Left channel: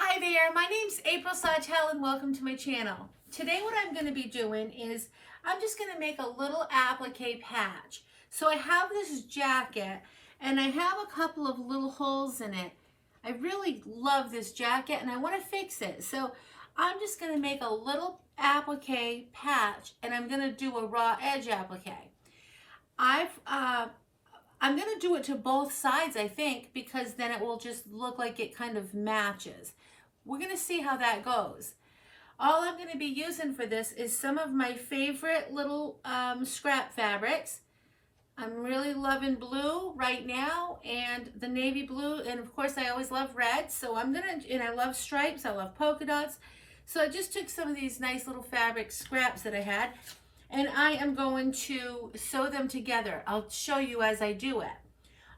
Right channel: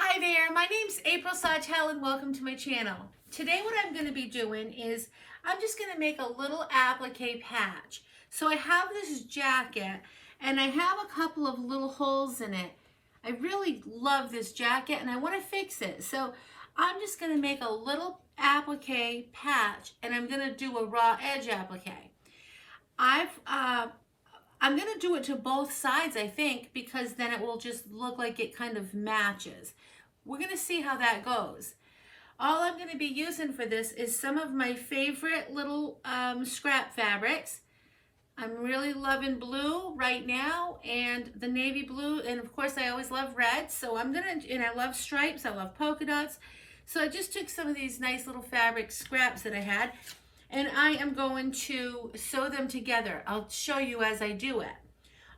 Hi there, my name's April Sawtell and welcome to my channel. Today what I'm going to be doing is I'm just going to make a little applique patch. So I have this jacket and I have a couple of little holes in it. I really love this jacket and I want to fix it. So I'm just going to make a little applique patch and I'm going to do a raw edge applique. I'm going to do it to both sides, I think, because then it will just look like it kind of matches. We're going to see how that goes. All I'm going to be using for this is some of my favorite little scrap fabrics. I'm really loving blue right now and the navy blue, and of course I always love red, so and I love stripes, I love polka dots. So I just took some of these nice little fabric scraps that I had and I am going to sew them together. I'll show you as I do it.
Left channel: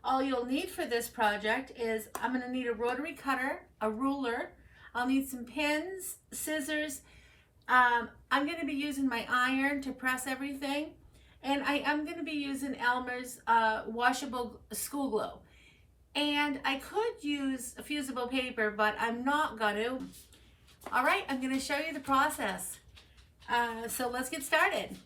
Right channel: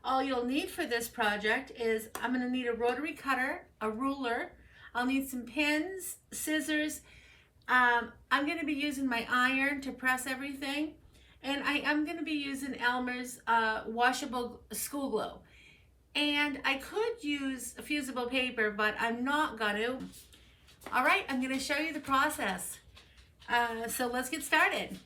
All you'll need for this project is I'm going to need a rotary cutter, a ruler, I'll need some pins, scissors. I'm going to be using my iron to press everything, and I am going to be using Elmer's washable school glue. And I could use a fusible paper, but I'm not going to. All right, I'm going to show you the process. So let's get started.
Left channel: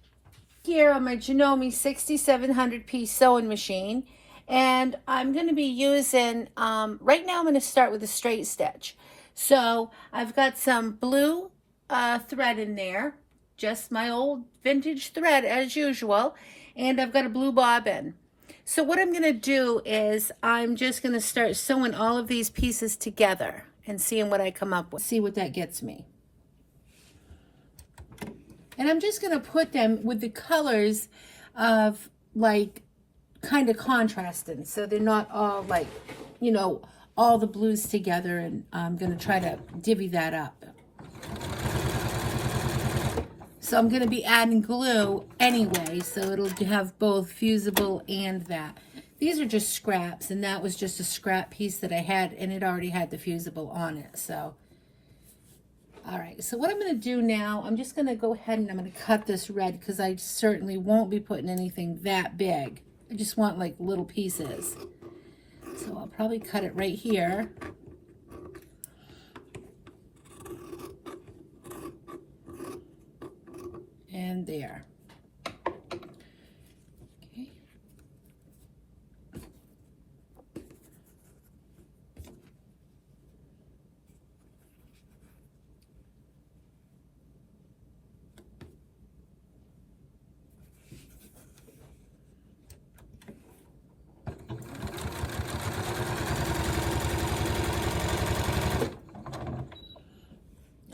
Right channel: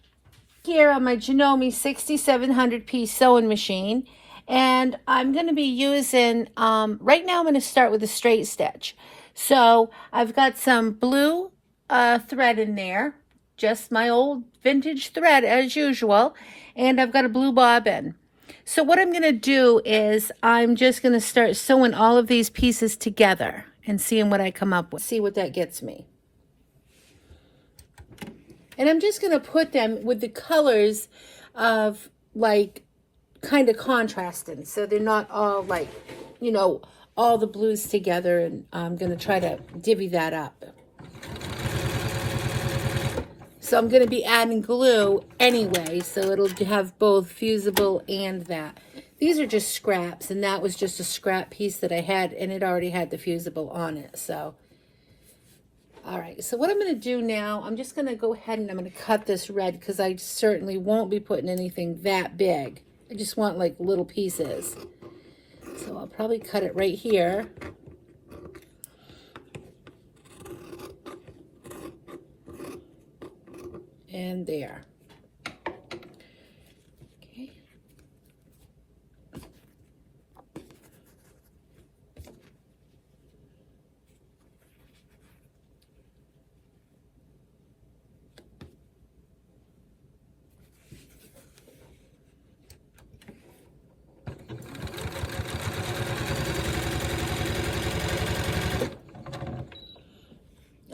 Here on my Janome 6700 piece sewing machine, and I'm going to be using, right now I'm going to start with a straight stitch. So I've got some blue thread in there, just my old vintage thread as usual, and I've got a blue bobbin. So what I'm going to do is I'm just going to start sewing all of these pieces together and seeing what I come up with. See what that gets me. And I'm just going to put them with the colors of like kind of contrasting, so they're not all like, you know, all the blues together, and I'm going to try to divvy that up. So I'm going to be adding glue anyway, so it'll have both fusible and that. These are just scraps, and that was just a scrap piece that I had, and it already had the fusible on it. So all right, so what I'm going to do now, I'm just going to go ahead and I'm going to cut this red because I certainly won't be putting anything that big. I just want like little pieces. So I'll probably cut it right here. And there. Okay.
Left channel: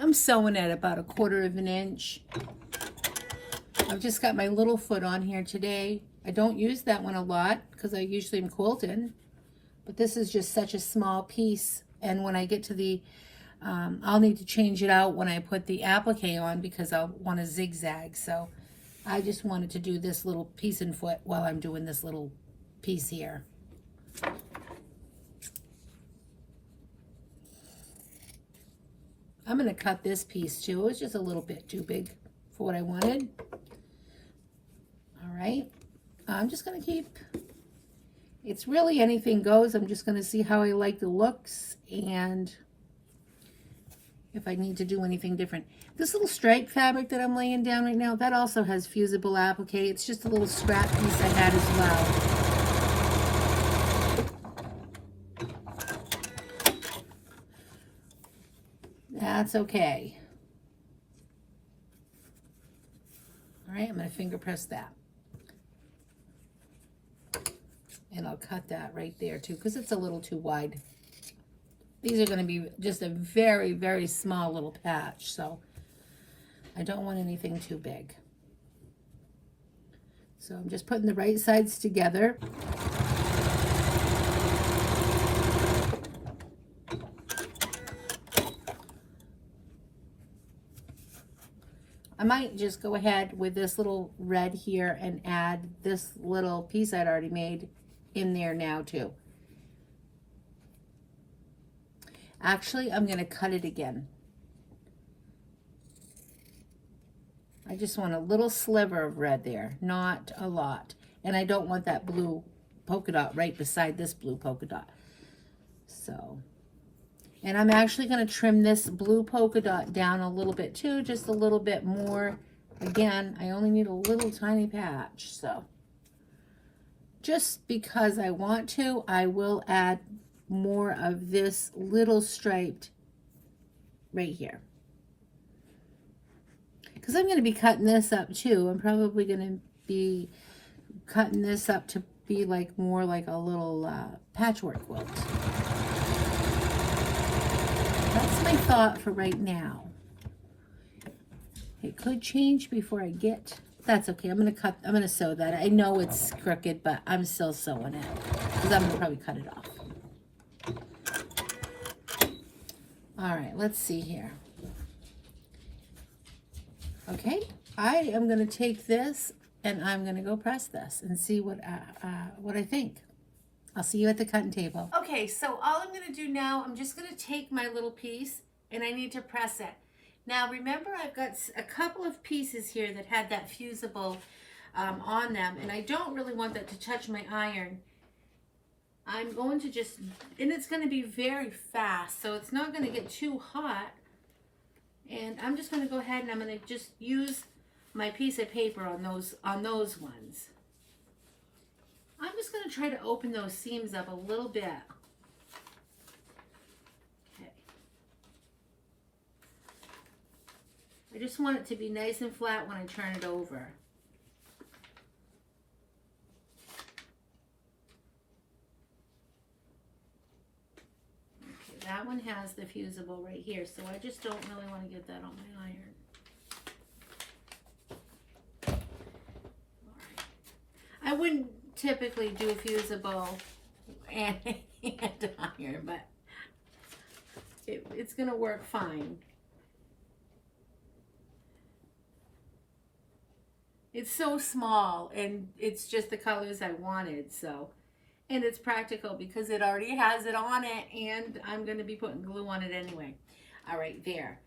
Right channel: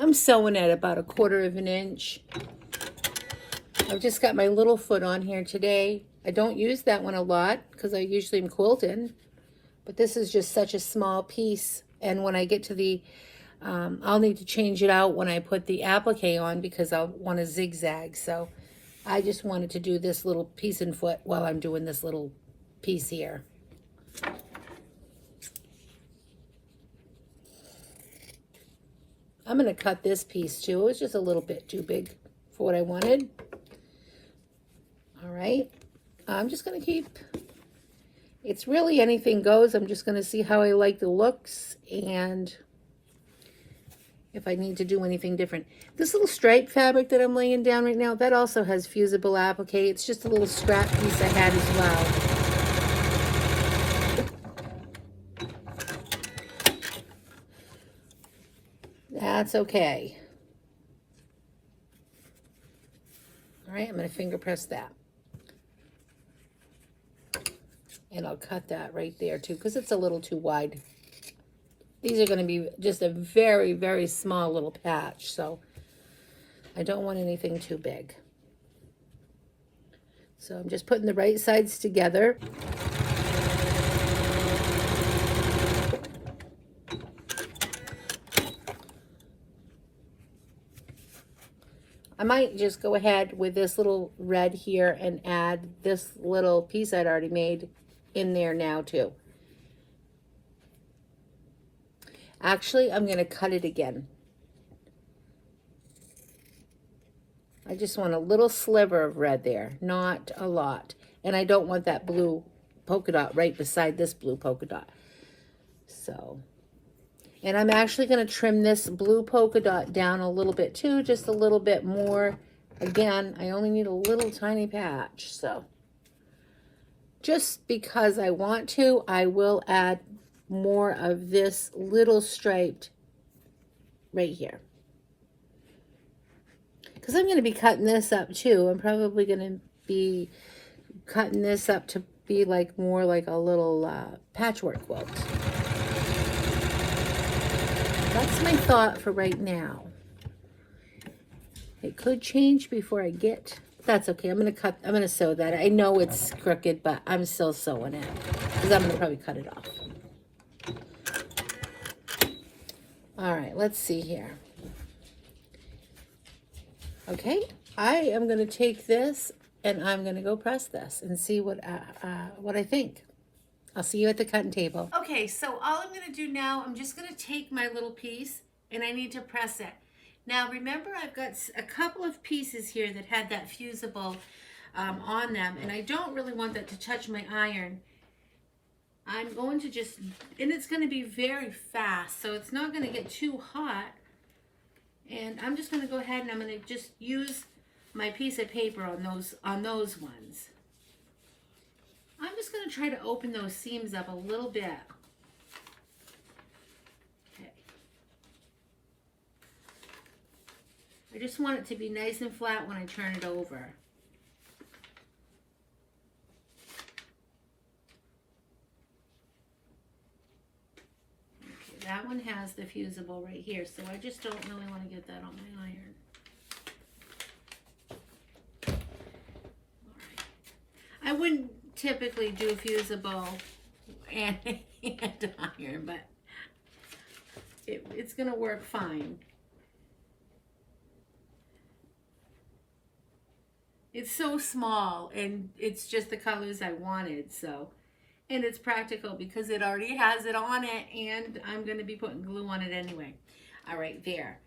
I'm sewing at about 1/4 of an inch. I've just got my little foot on here today. I don't use that one a lot because I usually am quilting, but this is just such a small piece. And when I get to the, I'll need to change it out when I put the applique on because I'll want to zigzag. So I just wanted to do this little piece and foot while I'm doing this little piece here. I'm going to cut this piece too. It's just a little bit too big for what I wanted. All right. I'm just going to keep, it's really anything goes. I'm just going to see how I like the looks and if I need to do anything different. This little stripe fabric that I'm laying down right now, that also has fusible applique. It's just a little scrap piece I had as well. That's okay. All right, I'm going to finger press that. And I'll cut that right there too, because it's a little too wide. These are going to be just a very, very small little patch, so I don't want anything too big. So I'm just putting the right sides together. I might just go ahead with this little red here and add this little piece I'd already made in there now too. Actually, I'm going to cut it again. I just want a little sliver of red there, not a lot. And I don't want that blue polka dot right beside this blue polka dot. So And I'm actually going to trim this blue polka dot down a little bit too, just a little bit more. Again, I only need a little tiny patch, so just because I want to, I will add more of this little striped right here. Because I'm going to be cutting this up too. I'm probably going to be cutting this up to be like more like a little patchwork quilt. That's my thought for right now. It could change before I get, that's okay. I'm gonna sew that. I know it's crooked, but I'm still sewing it because I'm gonna probably cut it off. All right, let's see here. Okay, I am gonna take this and I'm gonna go press this and see what I think. I'll see you at the cutting table. Okay, so all I'm gonna do now, I'm just gonna take my little piece and I need to press it. Now remember, I've got a couple of pieces here that had that fusible on them, and I don't really want that to touch my iron. I'm going to just, and it's going to be very fast, so it's not going to get too hot. And I'm just going to go ahead and I'm going to just use my piece of paper on those ones. I'm just going to try to open those seams up a little bit. I just want it to be nice and flat when I turn it over. Okay, that one has the fusible right here, so I just don't really want to get that on my iron. All right. I wouldn't typically do fusible and iron, but it's going to work fine. It's so small and it's just the colors I wanted, so, and it's practical because it already has it on it and I'm going to be putting glue on it anyway. All right, there.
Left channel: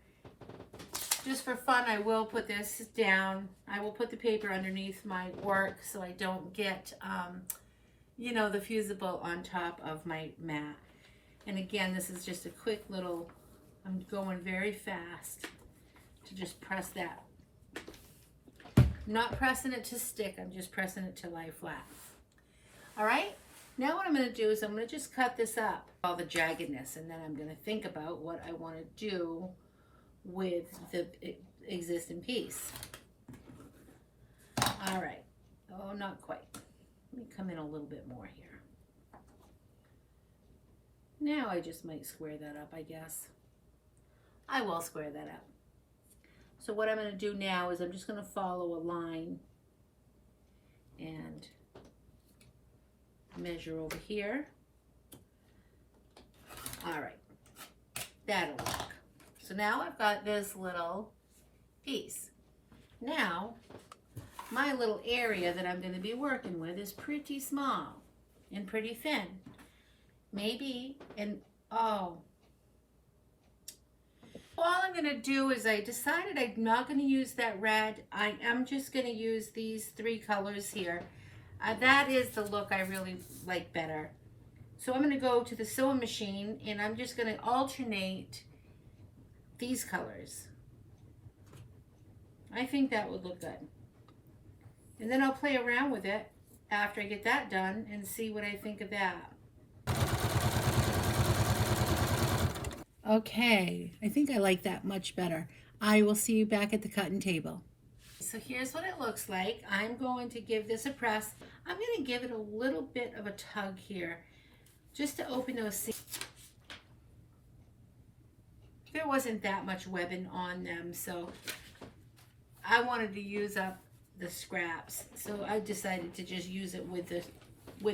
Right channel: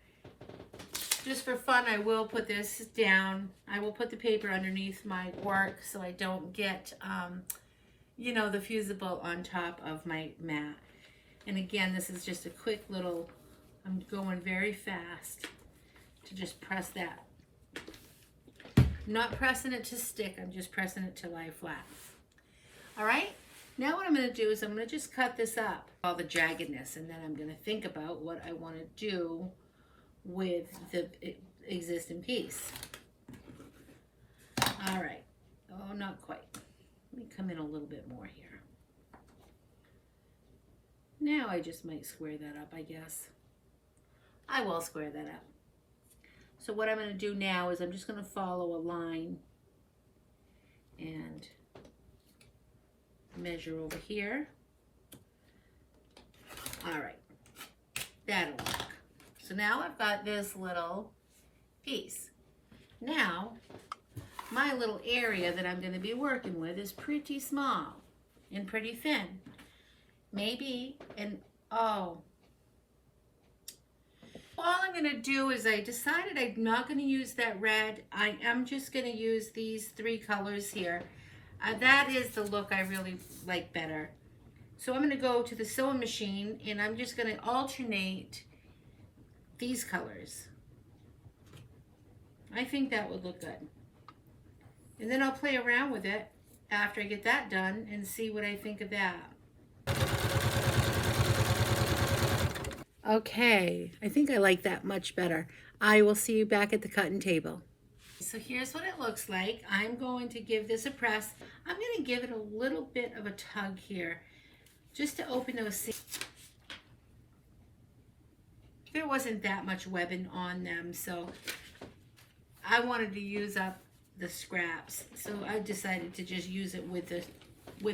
Just for fun, I will put this down. I will put the paper underneath my work so I don't get, you know, the fusible on top of my mat. And again, this is just a quick little, I'm going very fast to just press that. Not pressing it to stick, I'm just pressing it to lie flat. All right, now what I'm going to do is I'm going to just cut this up, all the jaggedness, and then I'm going to think about what I want to do with the existing piece. All right, oh, not quite. Let me come in a little bit more here. Now I just might square that up, I guess. I will square that up. So what I'm going to do now is I'm just going to follow a line and measure over here. All right, that'll work. So now I've got this little piece. Now, my little area that I'm going to be working with is pretty small and pretty thin. Maybe, and oh, all I'm going to do is I decided I'm not going to use that red. I am just going to use these three colors here. That is the look I really like better. So I'm going to go to the sewing machine and I'm just going to alternate these colors. I think that would look good. And then I'll play around with it after I get that done and see what I think of that. Okay, I think I like that much better. I will see you back at the cutting table. So here's what it looks like. I'm going to give this a press. I'm going to give it a little bit of a tug here, just to open those seams. There wasn't that much webbing on them, so I wanted to use up the scraps. So I decided to just use it with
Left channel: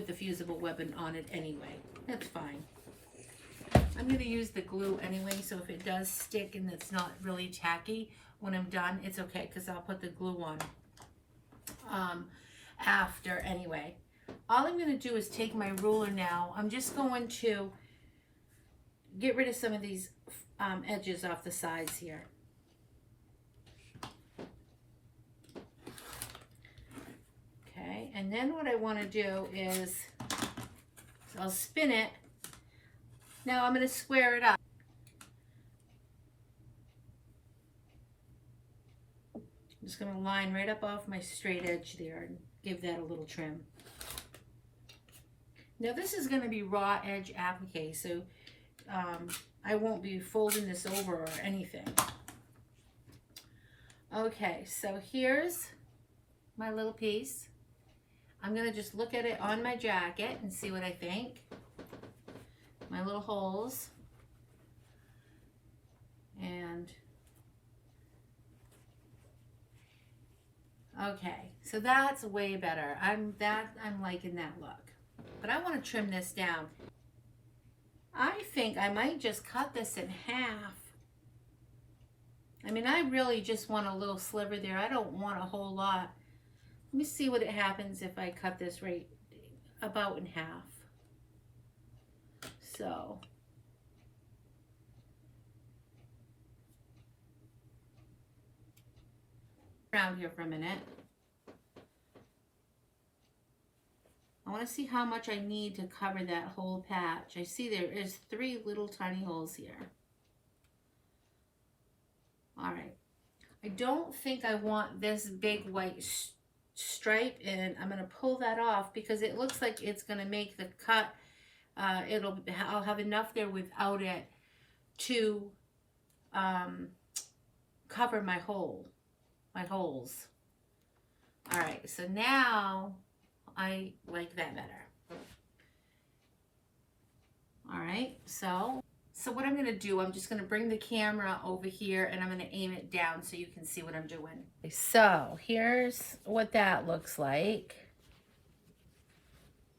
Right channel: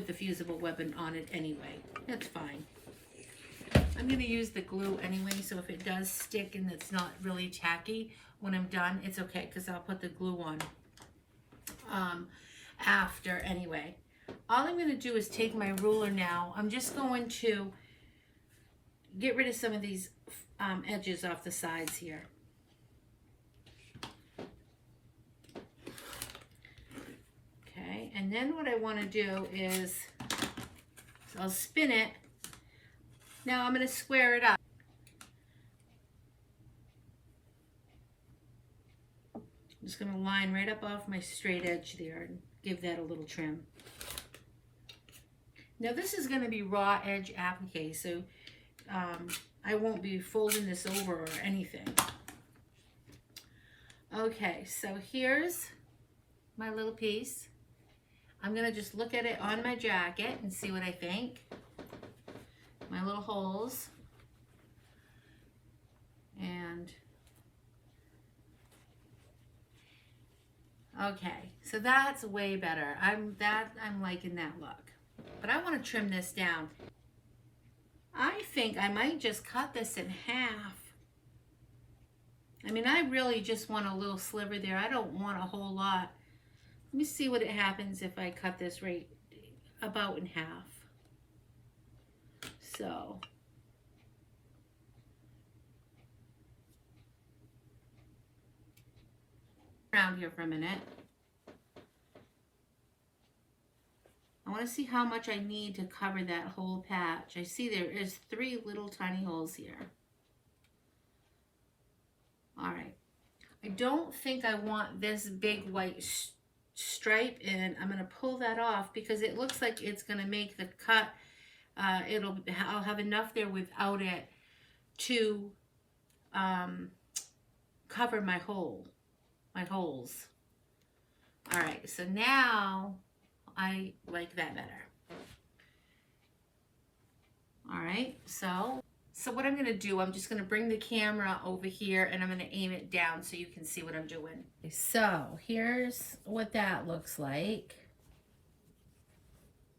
the fusible webbing on it anyway. That's fine. I'm going to use the glue anyway, so if it does stick and it's not really tacky when I'm done, it's okay because I'll put the glue on after anyway. All I'm going to do is take my ruler now. I'm just going to get rid of some of these edges off the sides here. Okay, and then what I want to do is, so I'll spin it. Now I'm going to square it up. going to line right up off my straight edge there and give that a little trim. Now this is going to be raw edge applique, so I won't be folding this over or anything. Okay, so here's my little piece. I'm going to just look at it on my jacket and see what I think. My little holes. And okay, so that's way better. I'm liking that look. But I want to trim this down. I think I might just cut this in half. I mean, I really just want a little sliver there. I don't want a whole lot. Let me see what it happens if I cut this right about in half. So around here for a minute. I want to see how much I need to cover that whole patch. I see there is 3 little tiny holes here. All right. I don't think I want this big white stripe, and I'm going to pull that off because it looks like it's going to make the cut. I'll have enough there without it to cover my holes. All right, so now I like that better. All right, so what I'm gonna do, I'm just gonna bring the camera over here and I'm gonna aim it down so you can see what I'm doing. So here's what that looks like.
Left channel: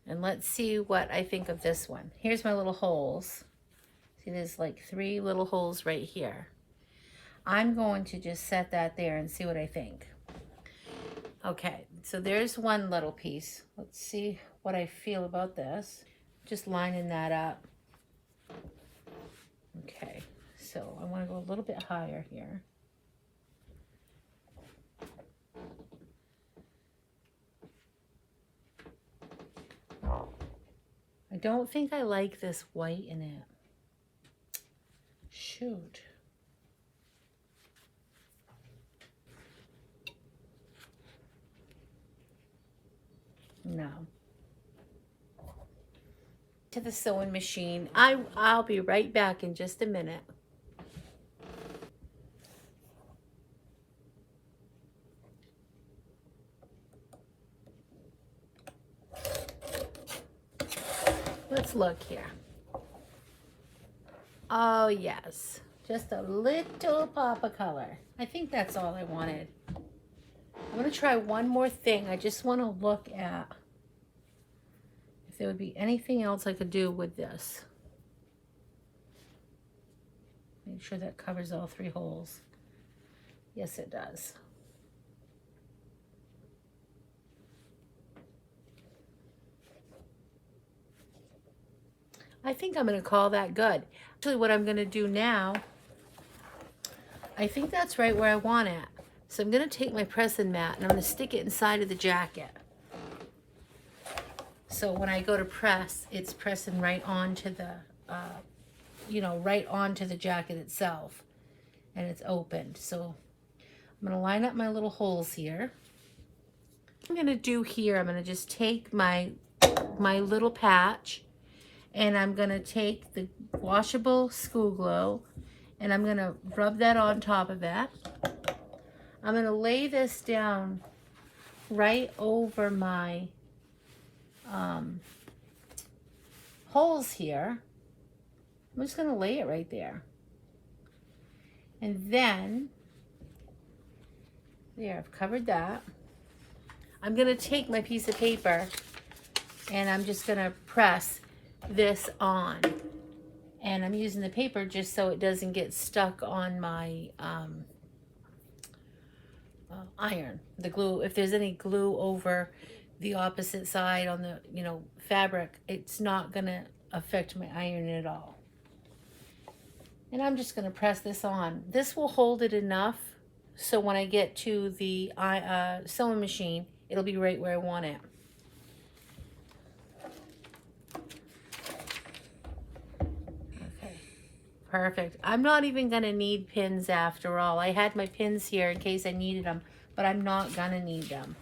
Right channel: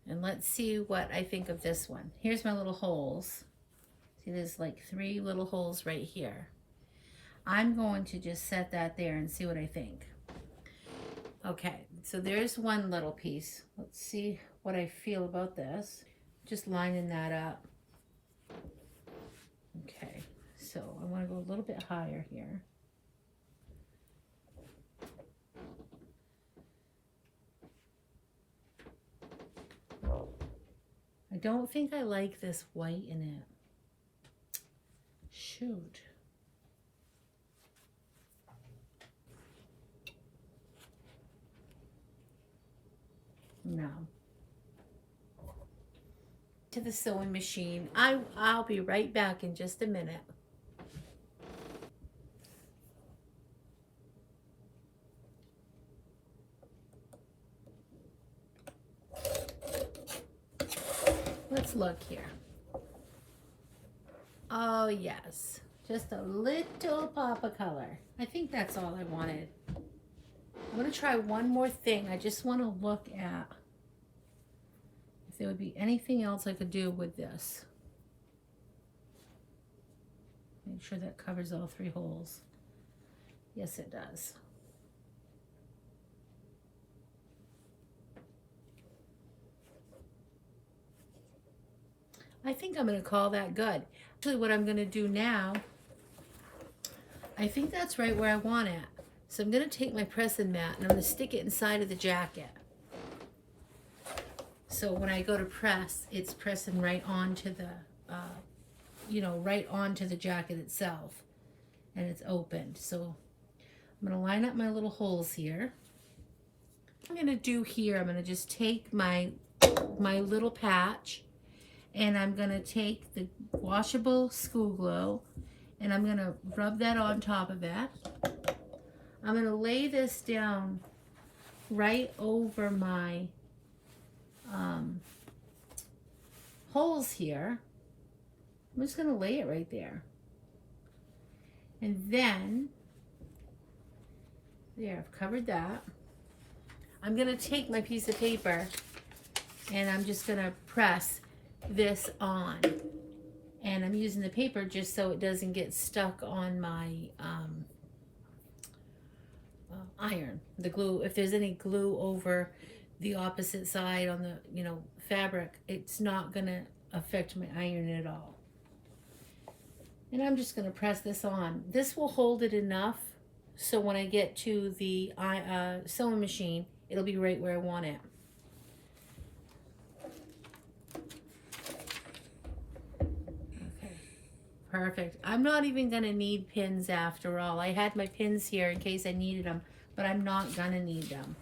And let's see what I think of this one. Here's my little holes. See, there's like 3 little holes right here. I'm going to just set that there and see what I think. Okay, so there's one little piece. Let's see what I feel about this. Just lining that up. Okay, so I want to go a little bit higher here. I don't think I like this white in it. Shoot. No. To the sewing machine. I'll be right back in just a minute. Let's look here. Oh yes, just a little pop of color. I think that's all I wanted. I'm going to try one more thing. I just want to look at if there would be anything else I could do with this. Make sure that covers all 3 holes. Yes, it does. I think I'm going to call that good. Actually, what I'm going to do now, I think that's right where I want it. So I'm going to take my pressing mat and I'm going to stick it inside of the jacket. So when I go to press, it's pressing right onto the, right onto the jacket itself. And it's opened. So I'm going to line up my little holes here. What I'm going to do here, I'm going to just take my little patch and I'm going to take the washable School Glow and I'm going to rub that on top of it. I'm going to lay this down right over my holes here. I'm just going to lay it right there. And then, there, I've covered that. I'm going to take my piece of paper and I'm just going to press this on. And I'm using the paper just so it doesn't get stuck on my iron, the glue. If there's any glue over the opposite side on the fabric, it's not gonna affect my iron at all. And I'm just gonna press this on. This will hold it enough so when I get to the sewing machine, it'll be right where I want it. Okay, perfect. I'm not even gonna need pins after all. I had my pins here in case I needed them, but but I'm not gonna need them.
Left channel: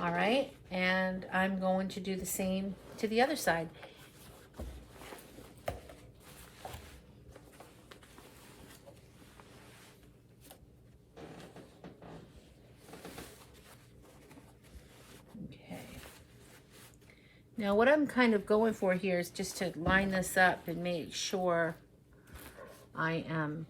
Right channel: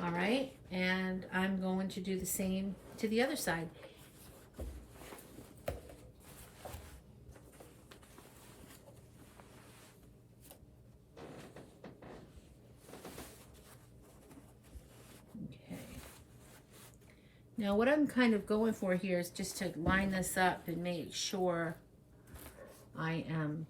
All right, and I'm going to do the same to the other side. Okay. Now what I'm kind of going for here is just to line this up and make sure I am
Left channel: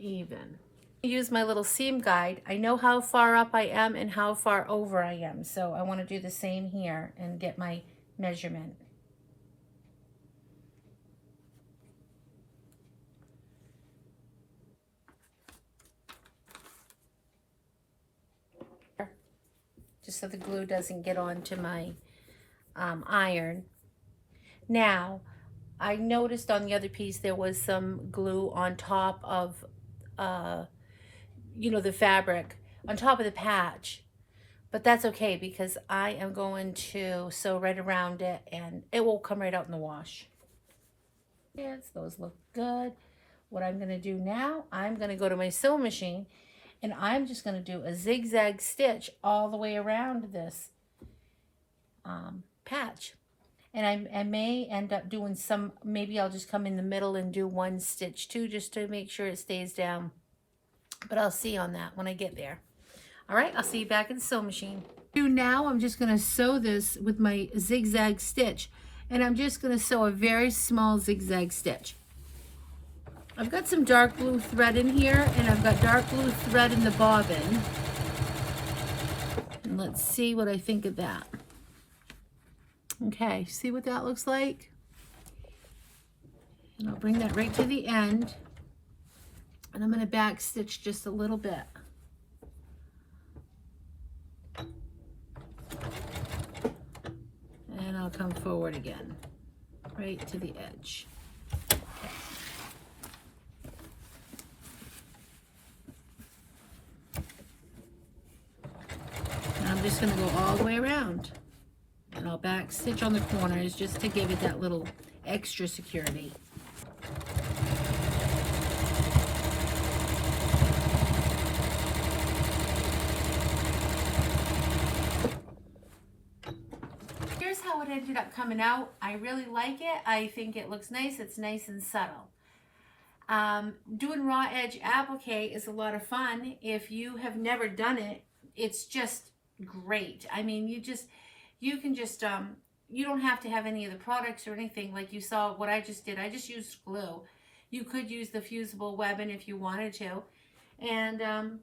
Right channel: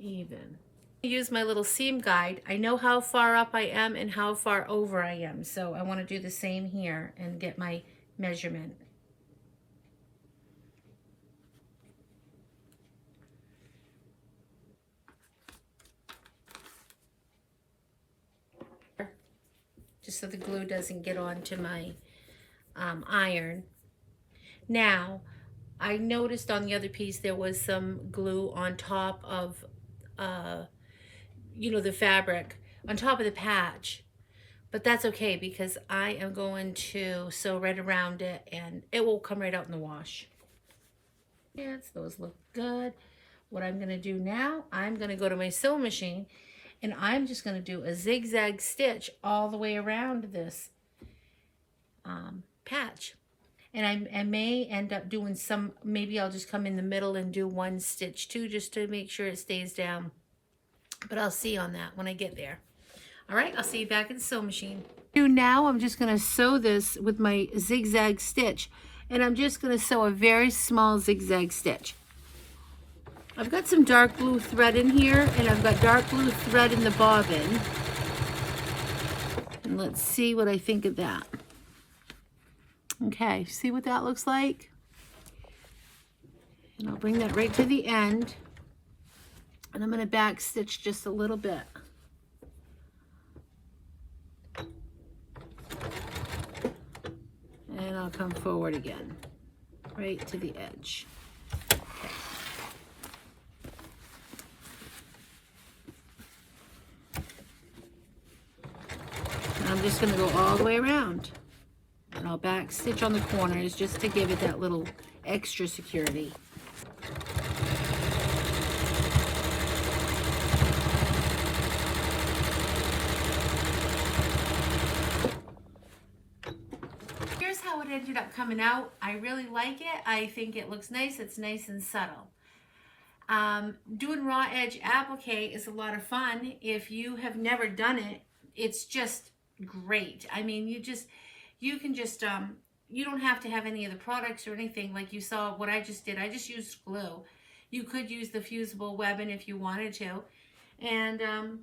even. Use my little seam guide. I know how far up I am and how far over I am, so I want to do the same here and get my measurement. Just so the glue doesn't get onto my iron. Now, I noticed on the other piece there was some glue on top of, you know, the fabric, on top of the patch. But that's okay because I am going to sew right around it and it will come right out in the wash. Yes, those look good. What I'm going to do now, I'm going to go to my sewing machine and I'm just going to do a zigzag stitch all the way around this patch. And I may end up doing some, maybe I'll just come in the middle and do one stitch too, just to make sure it stays down. But I'll see on that when I get there. All right, I'll see you back at the sewing machine. Now I'm just going to sew this with my zigzag stitch. And I'm just going to sew a very small zigzag stitch. I've got some dark blue thread in here, and I've got dark blue thread in the bobbin. And let's see what I think of that. Okay, see what that looks like? And I'll bring that right to the end. And I'm going to back stitch just a little bit. And I'll come forward again, right to the edge. And I'm just going to go all the way around. And I'll back stitch on the corners just to give it that little extra security. Here's how it ended up coming out. I really like it. I think it looks nice. It's nice and subtle. Doing raw edge applique is a lot of fun. If you have never done it, it's just great. I mean, you can just, you don't have to have any of the products or anything like you saw what I just did. I just used glue. You could use the fusible webbing if you wanted to. And,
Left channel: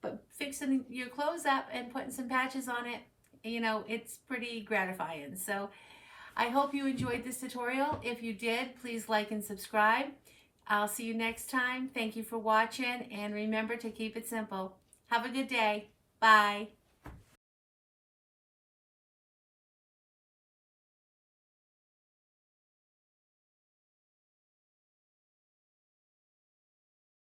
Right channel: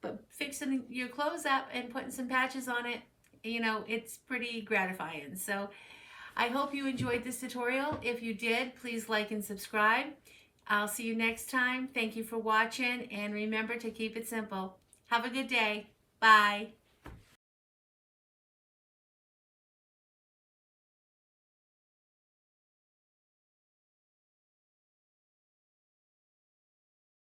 but fixing your clothes up and putting some patches on it, you know, it's pretty gratifying. So I hope you enjoyed this tutorial. If you did, please like and subscribe. I'll see you next time. Thank you for watching, and remember to keep it simple. Have a good day. Bye.